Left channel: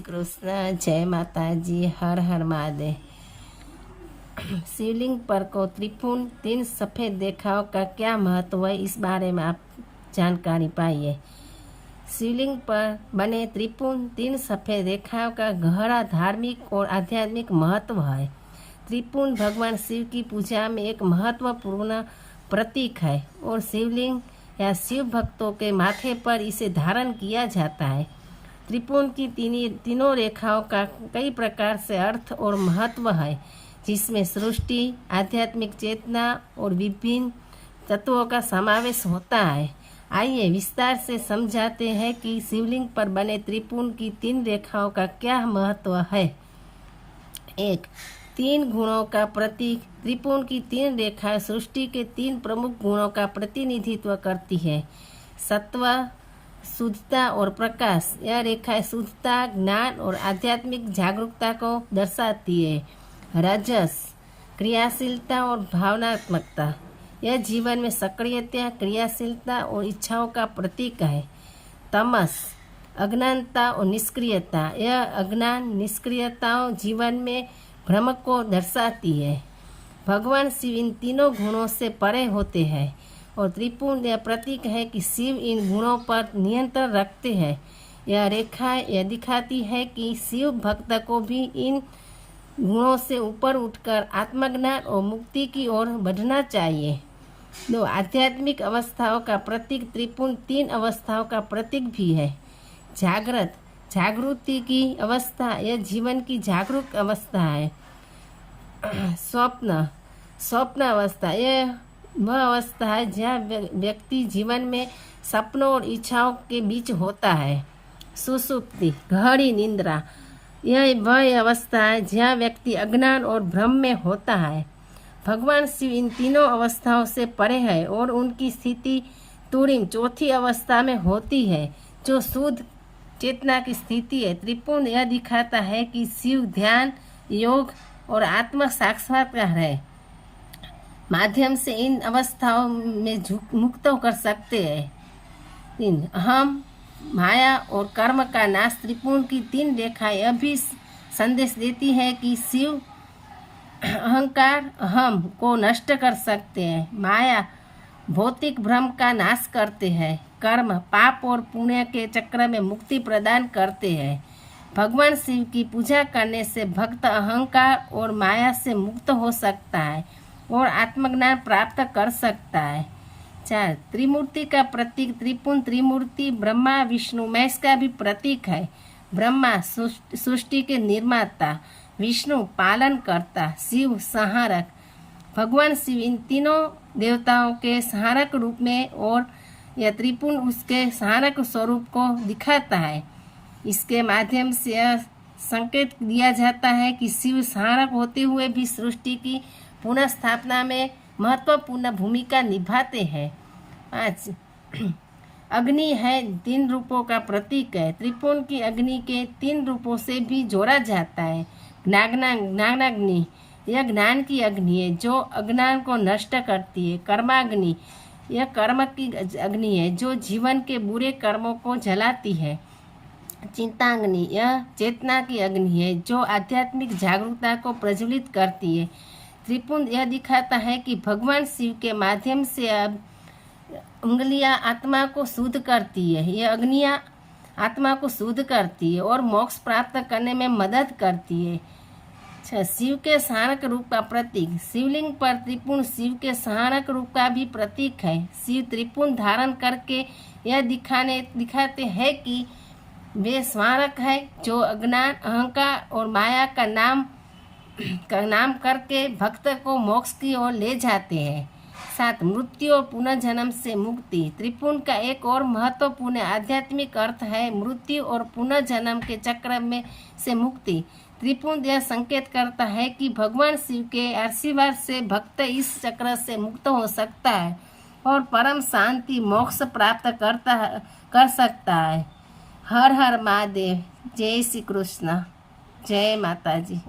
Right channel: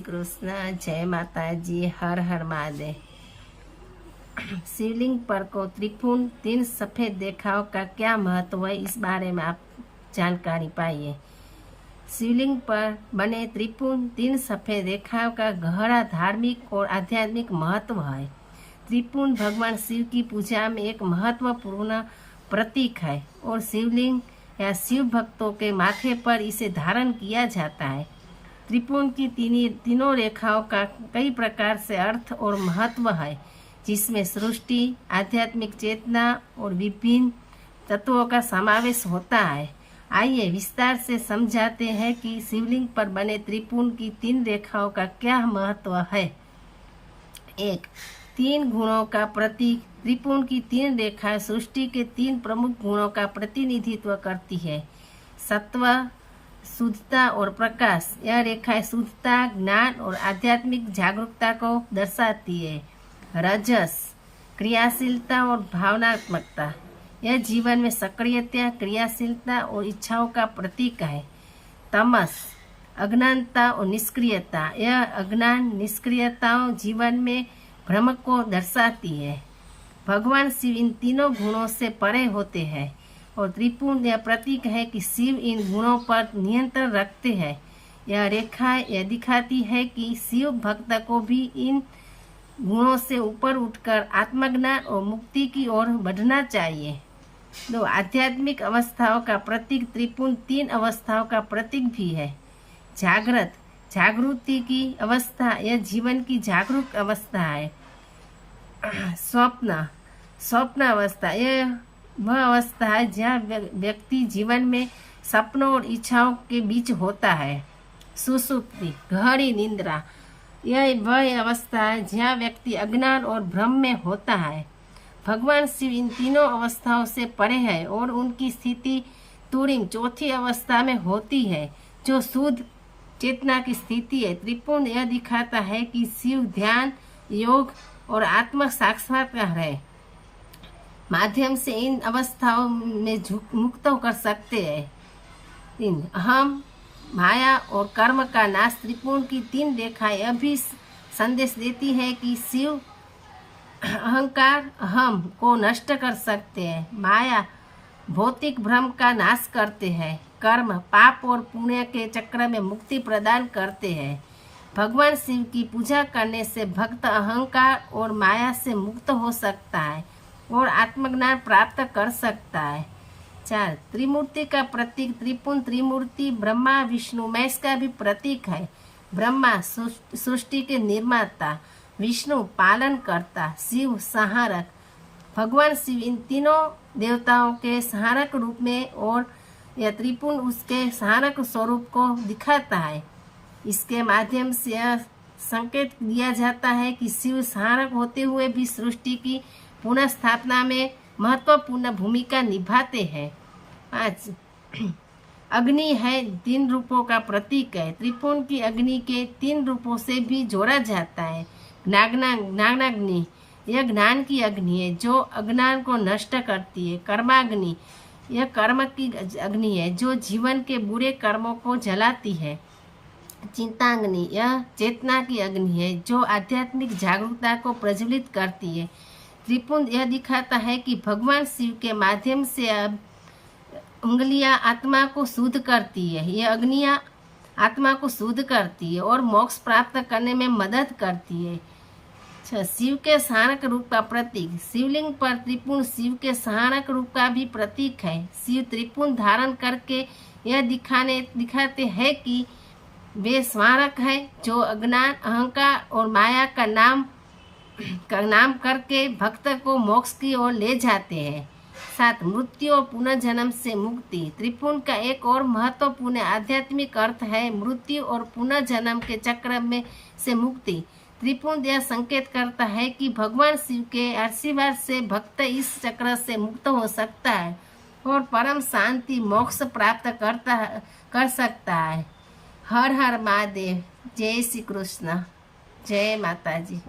श्री कृष्ण। जय माता जी। हर हर महादेव। शिवलिंग पर को त्रिपुन तीन सफ़ेद रेखाओं का क्या महत्व है, इस बारे में आप जानकारी पाइए। शिवलिंग पर बने त्रिपुन तीन सफ़ेद रेखाओं का गहरा धार्मिक और आध्यात्मिक महत्व है। त्रिपुन भगवान शिव की पूजा में एक महत्वपूर्ण प्रतीक है और शिवलिंग या शिव भक्तों के माथे पर इसे धारण किया जाता है। त्रिपुन की तीनों रेखाओं का कई प्रकार से अर्थ और महत्व है, जिसमें सृष्टि, आध्यात्मिक चेतना और विभिन्न तत्वों का समावेश होता है। आइए विस्तार से समझाते हैं कि शिवलिंग पर बने त्रिपुन की तीन रेखाओं का क्या महत्व है। एक, तीन गुणों का प्रतीक। त्रिपुन की तीन रेखाएं सृष्टि के तीन प्रमुख गुणों का प्रतिनिधित्व करती है। सत्व, शुद्धता और प्रकाश। यह रेखाएं शुद्धता, ज्ञान और आध्यात्मिक जागरूकता को दर्शाती है। रजस, क्रियाशीलता और भावनात्मकता। यह जीवन में सक्रियता, क्रियाशीलता और इच्छाओं का प्रतीक है। तमस, अज्ञानता और निष्क्रियता। यह अज्ञान, निष्क्रियताओं जीवन में भ्रम को दर्शाती है। भगवान शिव इन तीनों गुणों से परे होते हैं और त्रिपुन यह प्रतीक है कि शिव इन गुणों पर नियंत्रण रखते हैं। यह रेखा यह दिखाती है कि शिव भक्त को भी इन गुणों से ऊपर उठकर आत्मज्ञान और मुक्ति की ओर बढ़ना चाहिए। दो, आध्यात्मिक अवस्थाओं का प्रतीक। त्रिपुन तीन अवस्थाओं का प्रतीक भी है। जागृत, जागृति की अवस्था। यह जीवन की जागरूक अवस्था है। स्वप्न, स्वप्न अवस्था। यह वह अवस्था है जहाँ व्यक्ति जीवन में सपनों और इच्छाओं के बीच होता है। सुसुप्ति, गहरी निद्रा। यह वह अवस्था है जहाँ व्यक्ति अज्ञान और भ्रम में होता है। भगवान शिव इन तीनों अवस्थाओं से परे है और उनकी स्थिति तुरीन, चौथी अवस्था में होती है, जो शुद्ध चेतना की स्थिति है। त्रिपुन यह दिखाता है कि शिव ध्यान, योग और आत्म साक्षात्कार है माध्यम से इन अवस्थाओं में मुक्त कर सकते हैं। तीन, अहम, माया और कर्म का नाश। त्रिपुन की तीन रेखाएं यह भी संदेश देती है कि शिव अहंकार, अहम को नष्ट कर सकते हैं। माया भौतिक भ्रम का नाश करते हैं। कर्म पाप और पुण्य के चक्र में मुक्ति प्रदान करते हैं। भगवान शिव की पूजा करने से भक्त अहंकार और माया से मुक्त हो सकता है और आत्मज्ञान प्राप्त कर सकता है। चार, त्रिमूर्ति का प्रतीक। त्रिपुन त्रिमूर्ति ब्रह्मा, विष्णु, महेश का भी प्रतीक है। ब्रह्मा सृष्टि के निर्माता, विष्णु पालन करता, शिव संहारक। भगवान शिव इन तीनों देवताओं के संहारक रूप में और यह त्रिपुन उसके संहारक स्वरूप को दिखाता है। इसके माध्यम से यह संकेत दिया जाता है कि शिव संहारक होते हुए भी सृष्टि की पुनः स्थापना में महत्वपूर्ण भूमिका निभाते हैं। 5, अग्नि है, तीन रूपों का प्रतीक है। त्रिपुन की अग्नि के तीन रूपों से भी जोड़ा जाता है। ज्ञानाग्नि, यह ज्ञान की अग्नि है जो अज्ञान को नष्ट करती है। कर्माग्नि, यह कर्म की अग्नि है जो जीवन के बुरे कर्मों को जलाती है। चिंताग्नि, यह चेतना की अग्नि है जो आध्यात्मिक जागरूकता को प्रज्वलित करती है। त्रिपुन यह दिखाता है कि भगवान शिव के माध्यम से अब उंगलियां आत्मा को शुद्ध करती है। यह अग्नियां आत्मा को शुद्ध करती है और मोक्ष प्राप्त करने में मदद करती है। शिव के संहारक रूप का प्रतीक। शिवलिंग पर त्रिपुन शिव के संहारक रूप का भी प्रतीक है। शिव त्रिपुन धारण करके यह दिखाते हैं कि वे संहारक है जो अज्ञान, अहंकार और माया का नाम करके भक्त को मोक्ष की ओर ले जाते हैं। 7, मृत्यु और पुनर्जन्म से मुक्ति। त्रिपुन का एक और महत्वपूर्ण आध्यात्मिक अर्थ है मृत्यु और पुनर्जन्म के चक्र में से मुक्ति। त्रिपुन यह संकेत करता है कि भगवान शिव के आशीर्वाद से भक्त इस चक्र से मुक्त हो सकता है और परम शांति, मोक्ष प्राप्त कर सकता है। हर हर महादेव। जय श्री कृष्ण। जय माता जी।